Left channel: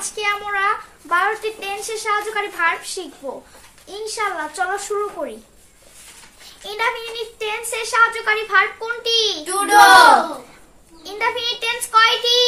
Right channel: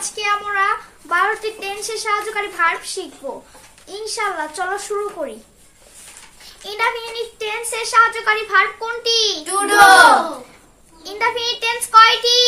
আজকে আমরা 12টি টেন্সের সাহায্যকারী ভার্ব শিখবো ইনশাআল্লাহ। চলো শুরু করি। ইনডেফিনিট টেন্সের সাহায্যকারী ভার্ব কোনটি? To do. ইনডেফিনিট টেন্স কয়টি?